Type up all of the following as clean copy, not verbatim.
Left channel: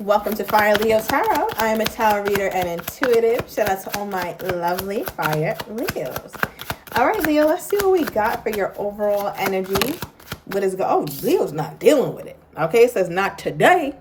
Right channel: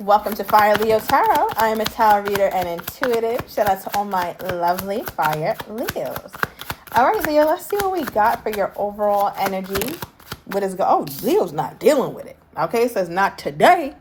Welcome to Fire Leo Tarot. I am a tarot reader and intuitive. Shout out to all my lovely Fire Leos. All right, Leo, let's see what we got for your overall energy. Leo's not dealing with it. Okay, it says not today.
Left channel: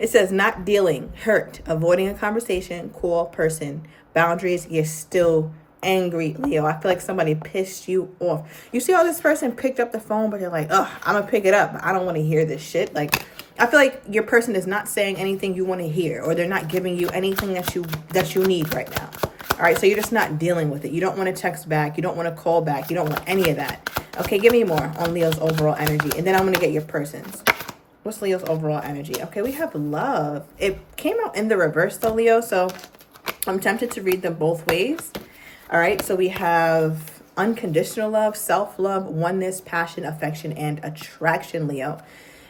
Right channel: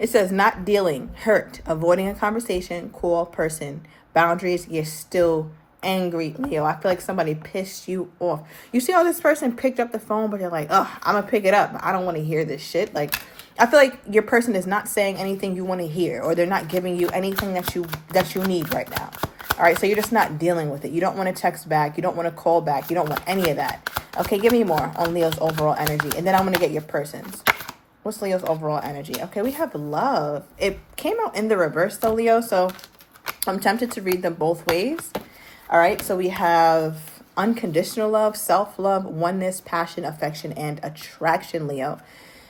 It says not dealing, hurt, avoiding a conversation, cool person, boundaries. You're still angry, Leo. I feel like somebody pissed you off. You see how this person picked up the phone, but they're like, I'm going to pick it up. I don't want to hear this shit. Like, I feel like your person is not saying anything you want to hear, or they're not giving you anything that you need right now. All right, so you're just not dealing with it. You don't want to text back. You don't want to call back. You don't want any of that. Okay, give me more on Leo's overall energy, and then I'm going to get your person's. What's Leo's overall energy? Okay, we have love. It came out in the reverse, though, Leo, so I'm tempted to read them both ways. All right, so we have unconditional love, self-love, oneness, passion, affection, and attraction, Leo.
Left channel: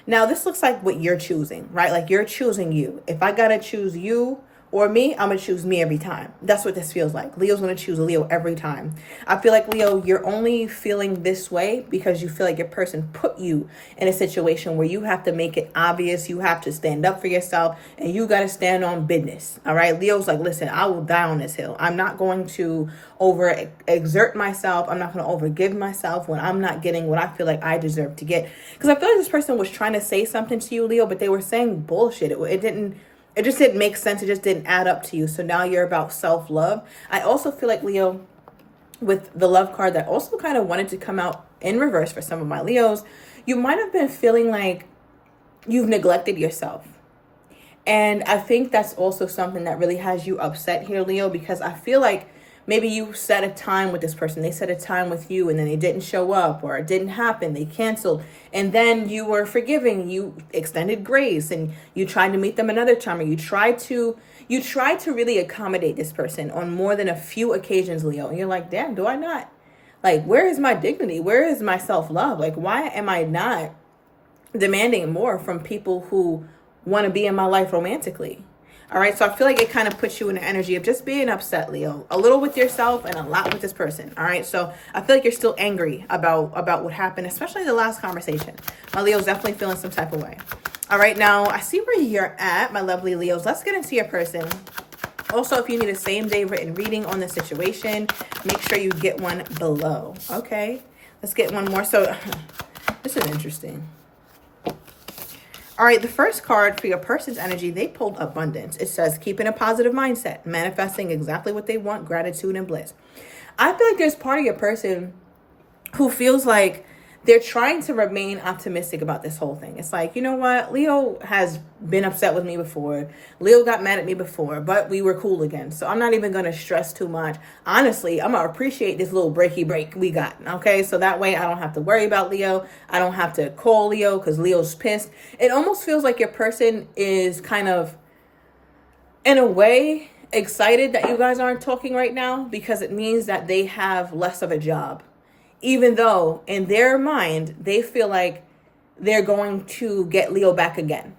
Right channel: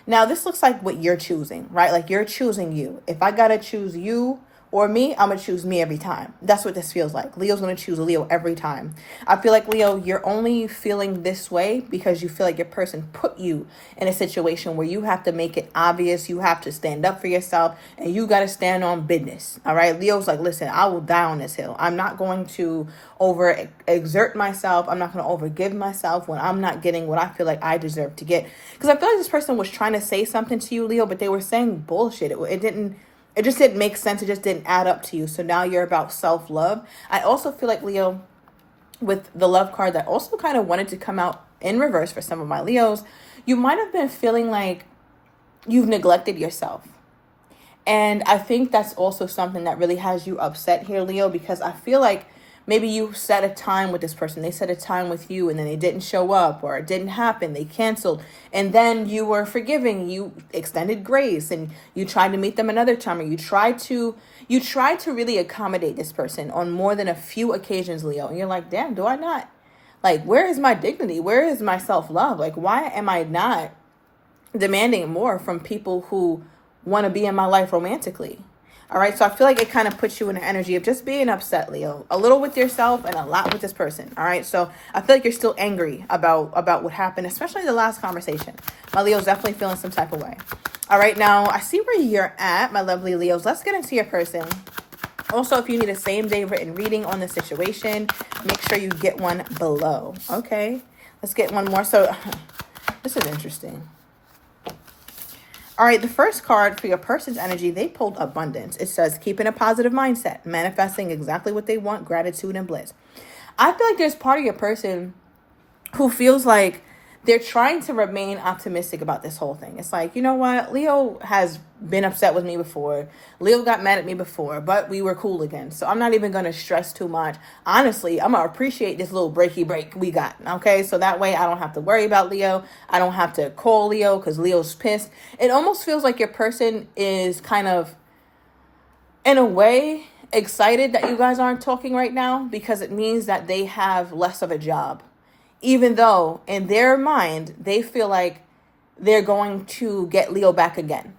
Now, this looks like what you're choosing, right? Like you're choosing you. If I got to choose you or me, I'm going to choose me every time. That's what this feels like. Leo's going to choose Leo every time. I feel like, Leo, you're only feeling this way because you feel like your person put you in a situation where you have to make it obvious. You have to stand up for yourself and you got to stand on business. All right. Leo's like, listen, I will die on this hill. I'm not going to overexert myself. I'm not going to overgive myself when I'm not getting what I feel like I deserve to get. Because I feel like this person was trying to say something to you, Leo, but they were saying bullshit. It just didn't make sense. It just didn't add up to you. So now you're about self-love. I also feel like, Leo, with the love card that also kind of wanted to come out in reverse for some of my Leos, you might have been feeling like you've neglected yourself. And I think that's also something that really has you upset here, Leo, because I feel like maybe you set a time with this person. They set a time with you and then they didn't show up or it didn't happen. They canceled. And then you were forgiving. You extended grace and you tried to meet them another time, or you tried to really accommodate this person on more than a few occasions, Leo. And you're like, damn, do I not? Like, where is my dignity? Where is my self-love? Like, why am I not demanding more from people who want to be in my life romantically? All right, so I feel like it kind of puts you in the energy of just being upset, Leo. A little with yourself and a lot with this person. All right, so I feel like you're still angry about what happened, especially the last conversation. My Leo's definitely feeling some type of way. All right, now I see where you're at, my lovely Leos. Let's get into your person. Also, if you need a same-day written reading on the situation, make sure you get one below. Okay, let's get one more. So this is interesting. All right, the first card for your person's energy, they pulled abundance. It says, keeping a positive mindset, manifesting exactly what they want, gratitude and bliss. I feel like there's part of your person who feels like they're trying to remain optimistic about this whole thing. It's like, you know what? Leo has been upset with me before. Leo got mad at me before, but we were cool again. So I'm not even going to stress too much. Honestly, I'm going to appreciate this little breaky break we got. Okay. So that way I don't have to worry about Leo. I don't have to call Leo because Leo's pissed. It almost feels like your person is kind of, in a way, excited that you guys aren't talking right now because it means that they have less of a job. Even though in their mind, they feel like they're going to get Leo back again,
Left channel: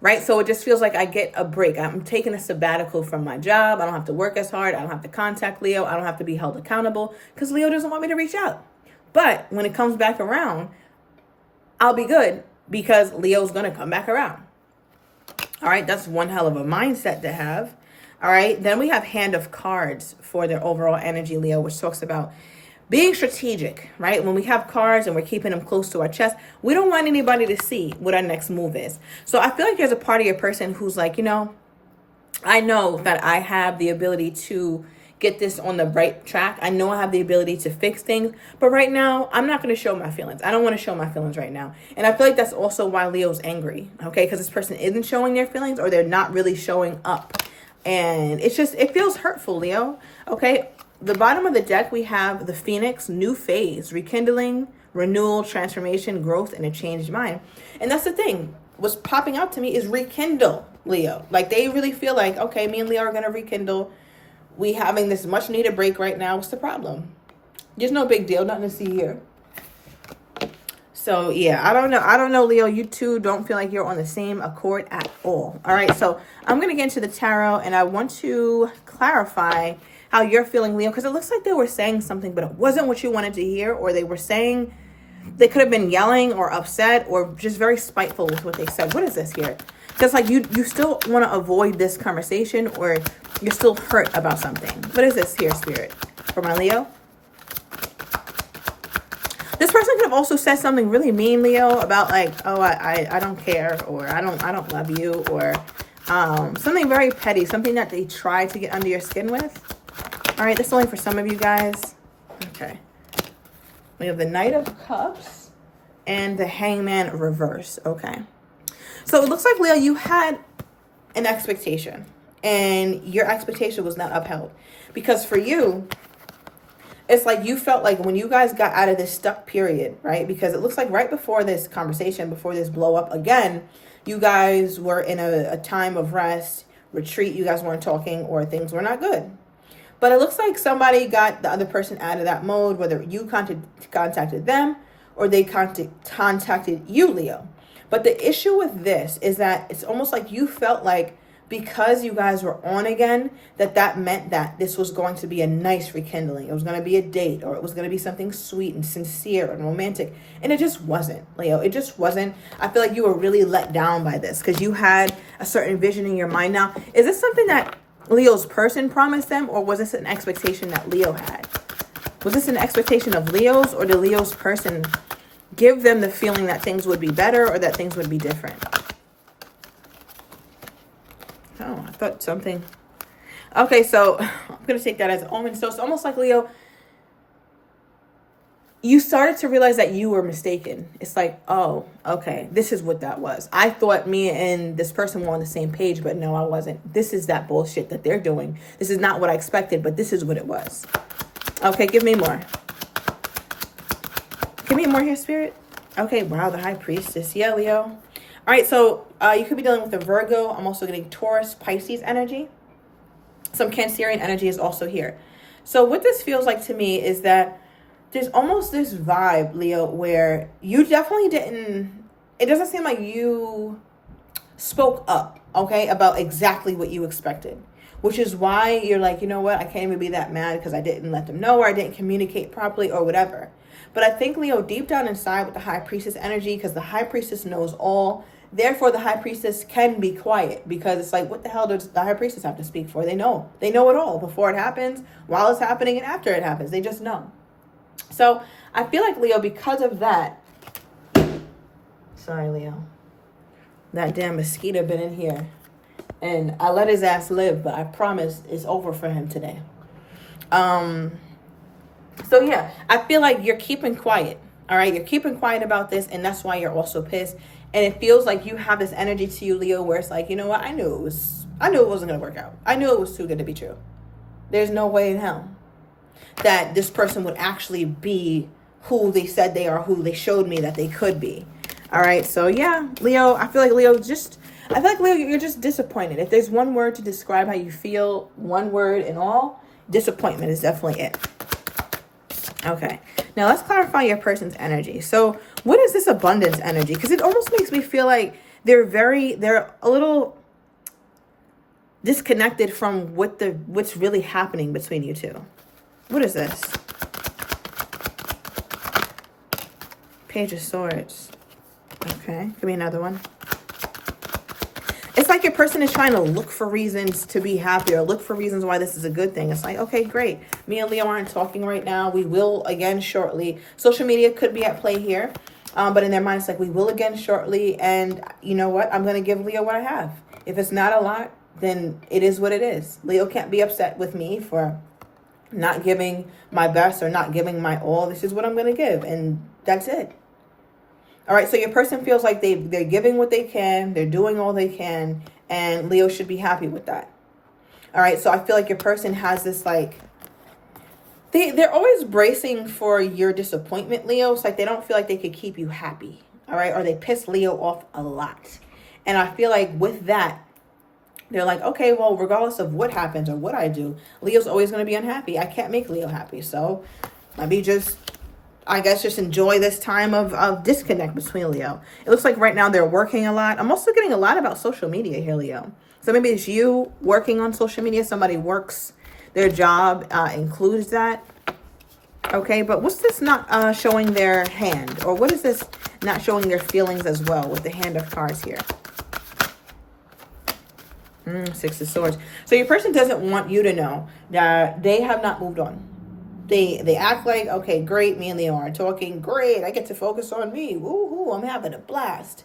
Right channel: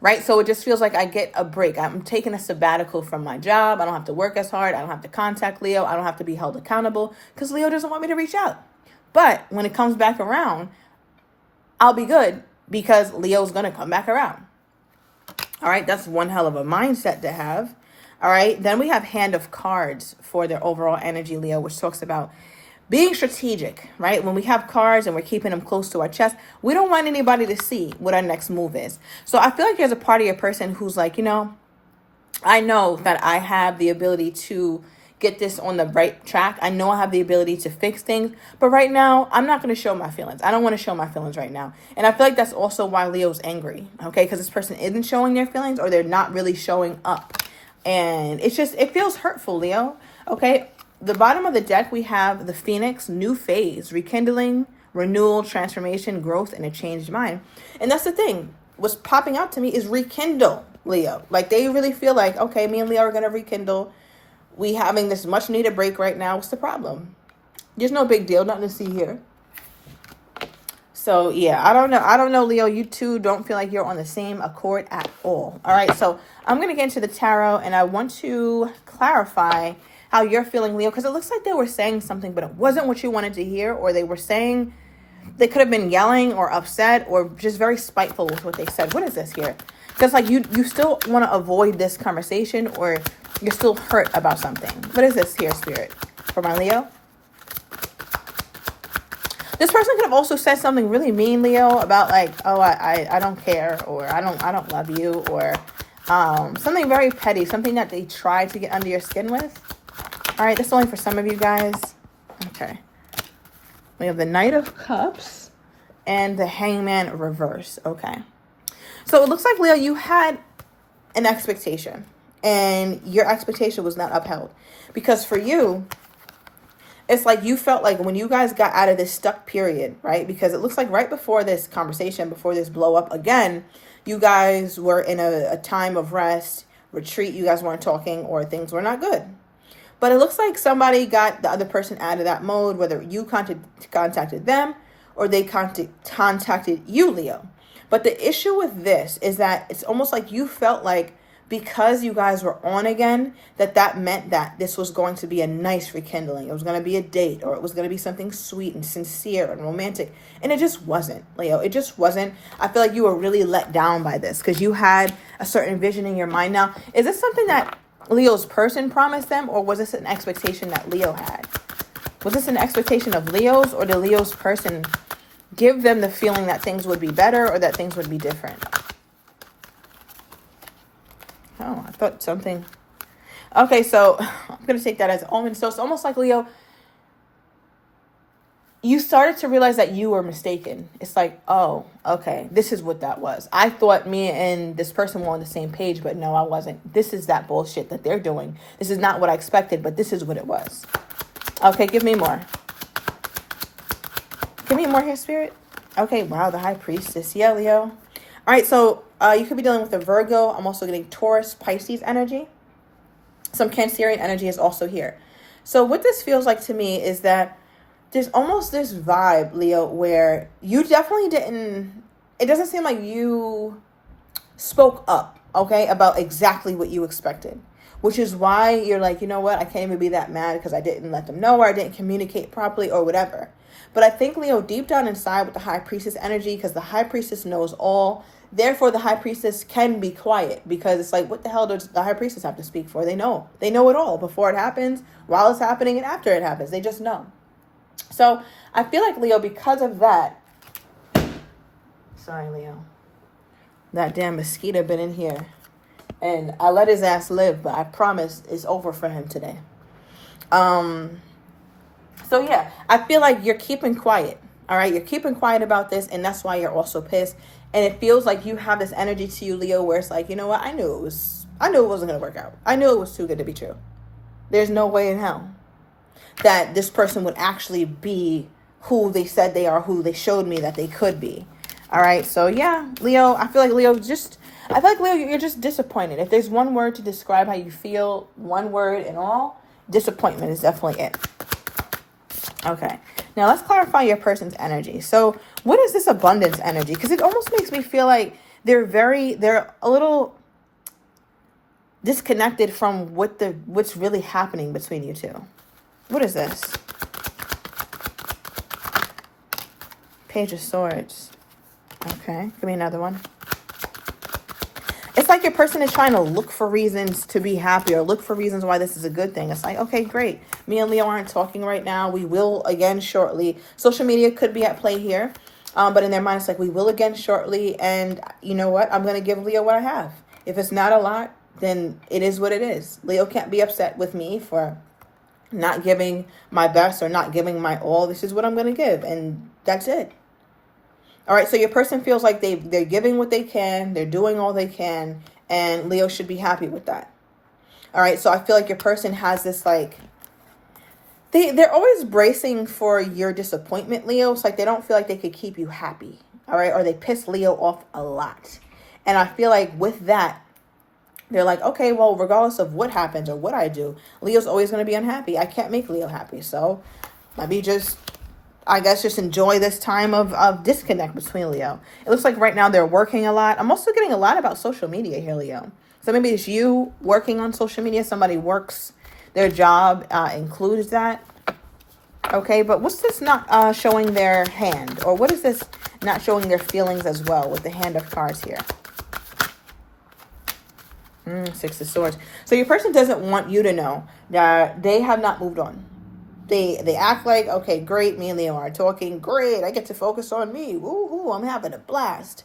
right? So it just feels like I get a break. I'm taking a sabbatical from my job. I don't have to work as hard. I don't have to contact Leo. I don't have to be held accountable because Leo doesn't want me to reach out. But when it comes back around, I'll be good because Leo's going to come back around. All right, that's one hell of a mindset to have. All right, then we have Hand of Cards for their overall energy, Leo, which talks about being strategic, right? When we have cards and we're keeping them close to our chest, we don't want anybody to see what our next move is. So I feel like there's a part of your person who's like, I know that I have the ability to get this on the right track. I know I have the ability to fix things, but right now I'm not going to show my feelings. I don't want to show my feelings right now. And I feel like that's also why Leo's angry, okay? Because this person isn't showing their feelings or they're not really showing up. And it feels hurtful, Leo, okay? The bottom of the deck, we have the Phoenix, new phase, rekindling, renewal, transformation, growth, and a changed mind. And that's the thing. What's popping out to me is rekindle, Leo. Like they really feel like, okay, me and Leo are going to rekindle. We having this much needed break right now. What's the problem? There's no big deal. Nothing to see here. So, yeah, I don't know, Leo. You two don't feel like you're on the same accord at all. All right, so I'm going to get into the tarot, and I want to clarify how you're feeling, Leo, because it looks like they were saying something, but it wasn't what you wanted to hear, or they could have been yelling or upset or just very spiteful with what they said. What is this here? Because like you still want to avoid this conversation, or you're still hurt about something. What is this here, Spirit? For my Leo? This person could have also said something really mean, Leo, about like, oh, I don't care, or I don't love you, or something very petty, something that they try to get under your skin with. All right, this is only for some of you guys. Okay. We have the Knight of Cups and the Hangman reverse. Okay. So it looks like, Leo, you had an expectation, and your expectation was not upheld. Because for you, it's like you felt like when you guys got out of this stuck period, right? Because it looks like right before this conversation, before this blow up again, you guys were in a time of rest, retreat. You guys weren't talking, or things were not good. But it looks like somebody got the other person out of that mode, whether you contacted them or they contacted you, Leo. But the issue with this is that it's almost like you felt like because you guys were on again, that meant that this was going to be a nice rekindling. It was going to be a date, or it was going to be something sweet and sincere and romantic. And it just wasn't, Leo. It just wasn't. I feel like you were really let down by this because you had a certain vision in your mind. Now, is this something that Leo's person promised them, or was this an expectation that Leo had? Was this an expectation of Leo's, or did Leo's person give them the feeling that things would be better or that things would be different? Oh, I thought something. Okay, so I'm going to take that as omen. So it's almost like, Leo, you started to realize that you were mistaken. It's like, oh, okay, this is what that was. I thought me and this person were on the same page, but no, I wasn't. This is that bullshit that they're doing. This is not what I expected, but this is what it was. Okay, give me more. Give me more here, Spirit. Okay, wow, the High Priestess. Yeah, Leo. All right, so you could be dealing with a Virgo. I'm also getting Taurus, Pisces energy. Some Cancerian energy is also here. So what this feels like to me is that there's almost this vibe, Leo, where you definitely didn't, it doesn't seem like you spoke up, okay, about exactly what you expected, which is why you're like, you know what, I can't even be that mad because I didn't let them know, or I didn't communicate properly, or whatever. But I think, Leo, deep down inside with the High Priestess energy, because the High Priestess knows all, therefore the High Priestess can be quiet, because it's like, what the hell does the High Priestess have to speak for? They know it all before it happens, while it's happening, and after it happens. They just know. So I feel like, Leo, because of that, sorry, Leo, that damn mosquito been in here, and I let his ass live, but I promise it's over for him today. So yeah, I feel like you're keeping quiet. All right, you're keeping quiet about this, and that's why you're also pissed. And it feels like you have this energy to you, Leo, where it's like, you know what? I knew it wasn't gonna work out. I knew it was too good to be true. There's no way in hell that this person would actually be who they said they are, who they showed me that they could be. All right, so yeah, Leo, I feel like Leo, you're just disappointed. If there's one word to describe how you feel, one word and all, disappointment is definitely it. Okay, now let's clarify your person's energy. So what is this abundance energy? Because it almost makes me feel like they're a little disconnected from what's really happening between you two. What is this? Page of Swords. Okay, give me another one. It's like your person is trying to look for reasons to be happy, or look for reasons why this is a good thing. It's like, okay, great. Me and Leo aren't talking right now. We will again shortly. Social media could be at play here. But in their mind, it's like, we will again shortly. And you know what? I'm going to give Leo what I have. If it's not a lot, then it is what it is. Leo can't be upset with me for not giving my best or not giving my all. This is what I'm going to give. And that's it. All right, so your person feels like they're giving what they can, they're doing all they can, and Leo should be happy with that. All right, so I feel like your person has this, like, they're always bracing for your disappointment, Leo. It's like they don't feel like they could keep you happy, all right, or they piss Leo off a lot. And I feel like with that, they're like, okay, well, regardless of what happens or what I do, Leo's always going to be unhappy. I can't make Leo happy, so maybe just enjoy this time of disconnect between Leo. It looks like right now they're working a lot. I'm also getting a lot about social media here, Leo. So maybe it's you working on social media. Somebody works, their job includes that. Okay, but what's this not showing their hand? Or what is this not showing their feelings as well with the Hand of Cards here? Six of Swords. So your person doesn't want you to know that they have not moved on. They act like, okay, great, me and Leo are talking, great, I get to focus on me. Ooh, I'm having a blast.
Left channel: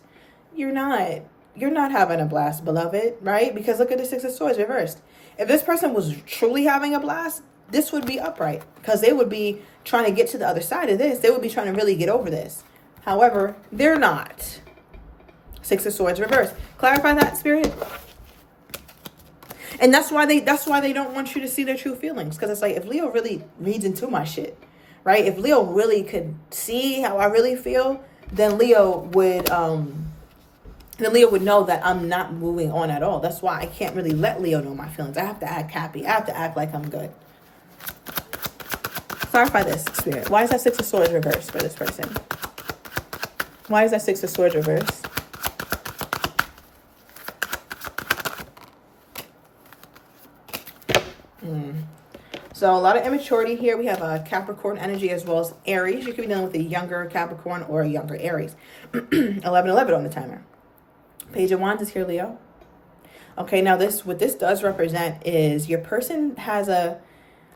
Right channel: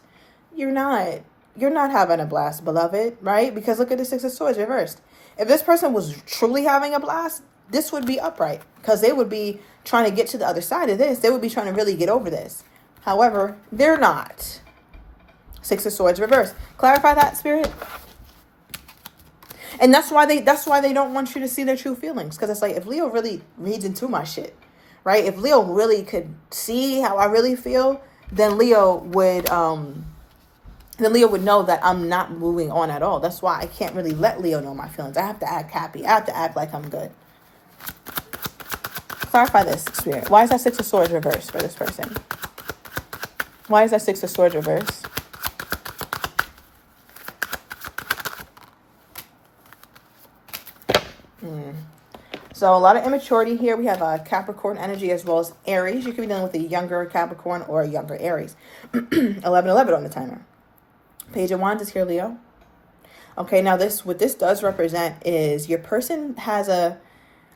You're not. You're not having a blast, beloved, right? Because look at the Six of Swords reversed. If this person was truly having a blast, this would be upright. Because they would be trying to get to the other side of this. They would be trying to really get over this. However, they're not. Six of Swords reversed. Clarify that, Spirit. And that's why they don't want you to see their true feelings. Because it's like, if Leo really reads into my shit, right? If Leo really could see how I really feel, then Leo would know that I'm not moving on at all. That's why I can't really let Leo know my feelings. I have to act happy. I have to act like I'm good. Clarify this, Spirit. Why is that Six of Swords reversed for this person? Why is that Six of Swords reversed? So a lot of immaturity here. We have a Capricorn energy as well as Aries. You could be dealing with a younger Capricorn or a younger Aries. 11:11 on the timer. Page of Wands is here, Leo. Okay, now what this does represent is your person has a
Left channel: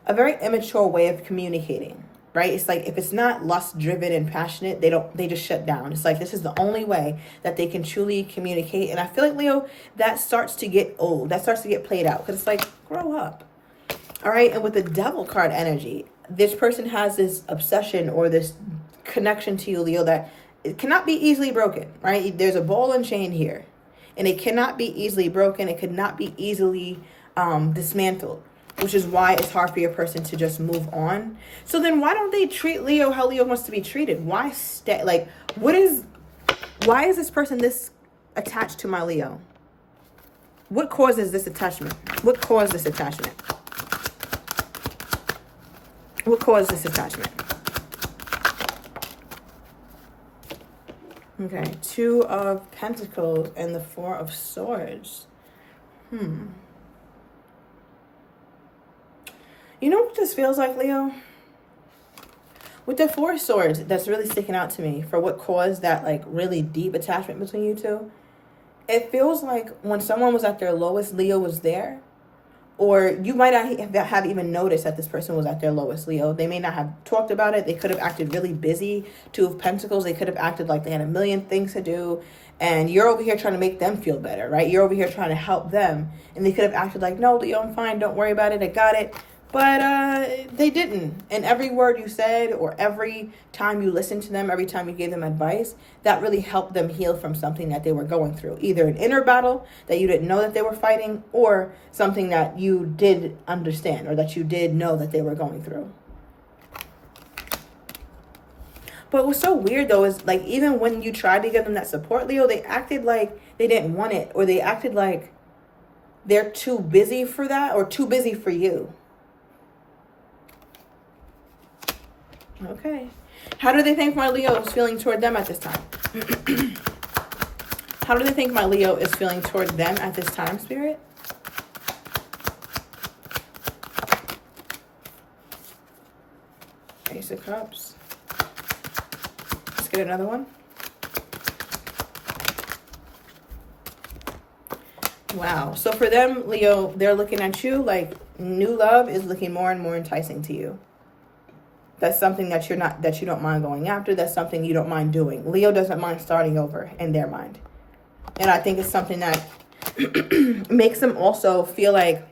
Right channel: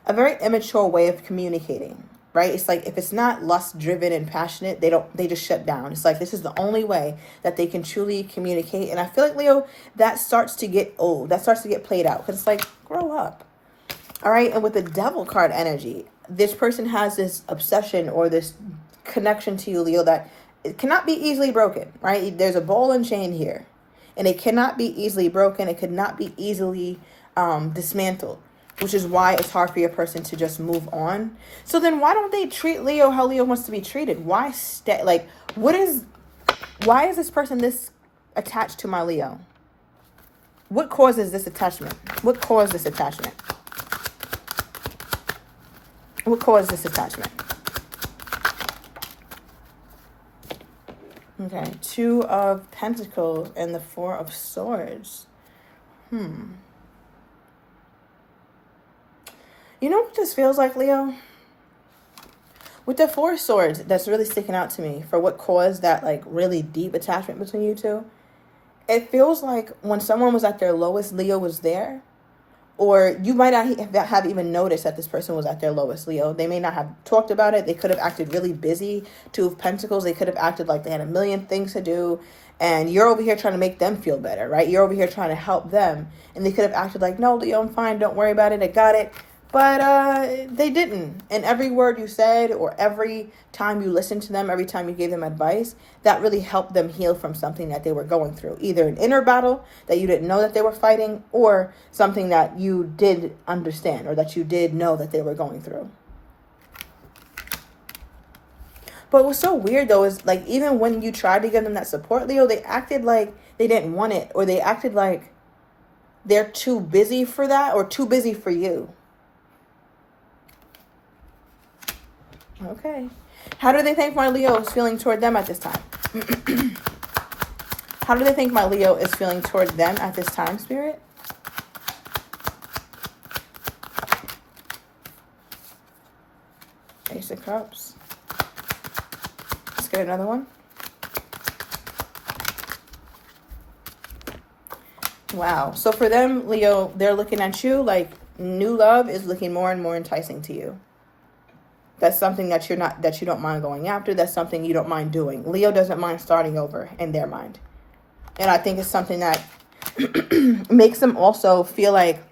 very immature way of communicating, right? It's like, if it's not lust driven and passionate, they just shut down. It's like, this is the only way that they can truly communicate. And I feel like, Leo, that starts to get old. That starts to get played out, because it's like, grow up. All right. And with the Devil card energy, this person has this obsession or this connection to you, Leo, that it cannot be easily broken, right? There's a ball and chain here, and it cannot be easily broken. It could not be easily dismantled, which is why it's hard for your person to just move on. So then why don't they treat Leo how Leo wants to be treated? Why stay? Like, why is this person this attached to my Leo? What causes this attachment? What caused this attachment? What caused this attachment? Okay, Two of Pentacles and the Four of Swords. You know what this feels like, Leo? With the Four of Swords, that's really sticking out to me for what caused that, like, really deep attachment between you two. It feels like when someone was at their lowest, Leo was there. Or you might not have even noticed that this person was at their lowest, Leo. They may not have talked about it. They could have acted really busy. Two of Pentacles, they could have acted like they had a million things to do. And you're over here trying to make them feel better, right? You're over here trying to help them. And they could have acted like, no, Leo, I'm fine. Don't worry about it. I got it. But they didn't. And every word you said, or every time you listened to them, every time you gave them advice, that really helped them heal from something that they were going through. Either an inner battle that you didn't know that they were fighting, or something that you did understand, or that you did know that they were going through. But what's so weird, though, is like, even when you tried to give them that support, Leo, they acted like they didn't want it, or they acted like they're too busy for that, or too busy for you. Okay. How do they think my Leo is feeling toward them at this time? How do they think my Leo is feeling toward them at this time, Spirit? Ace of Cups. Let's get another one. Wow. So for them, Leo, they're looking at you like new love is looking more and more enticing to you. That's something that you don't mind going after. That's something you don't mind doing. Leo doesn't mind starting over in their mind. And I think it's something that makes them also feel like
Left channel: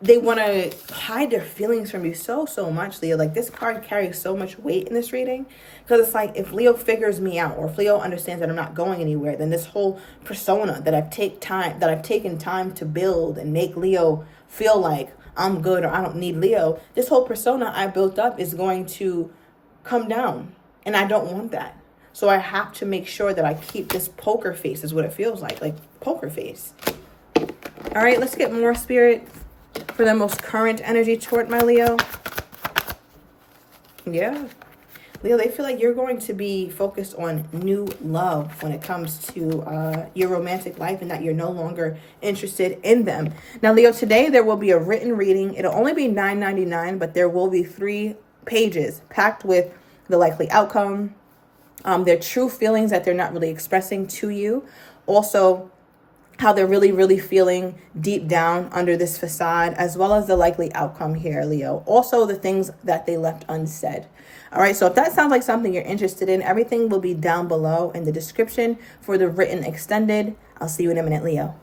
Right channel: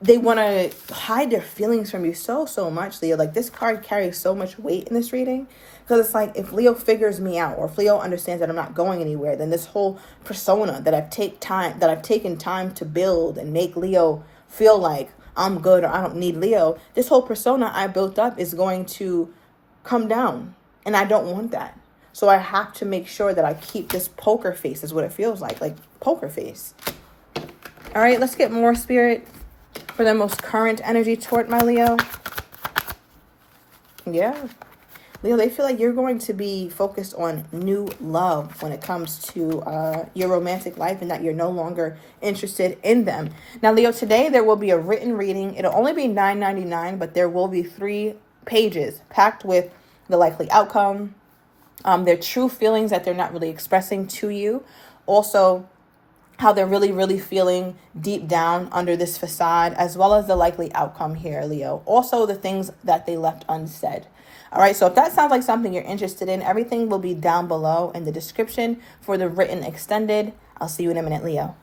they want to hide their feelings from you so much, Leo. Like, this card carries so much weight in this reading. Because it's like, if Leo figures me out, or if Leo understands that I'm not going anywhere, then this whole persona that I've taken time to build and make Leo feel like I'm good, or I don't need Leo, this whole persona I built up is going to come down. And I don't want that. So I have to make sure that I keep this poker face, is what it feels like poker face. All right, let's get more, Spirit, for the most current energy toward my Leo. Yeah. Leo, they feel like you're going to be focused on new love when it comes to your romantic life, and that you're no longer interested in them. Now, Leo, today there will be a written reading. It'll only be $9.99, but there will be 3 pages packed with the likely outcome, their true feelings that they're not really expressing to you. Also, how they're really, really feeling deep down under this facade, as well as the likely outcome here, Leo. Also, the things that they left unsaid. All right, so if that sounds like something you're interested in, everything will be down below in the description for the written extended. I'll see you in a minute, Leo.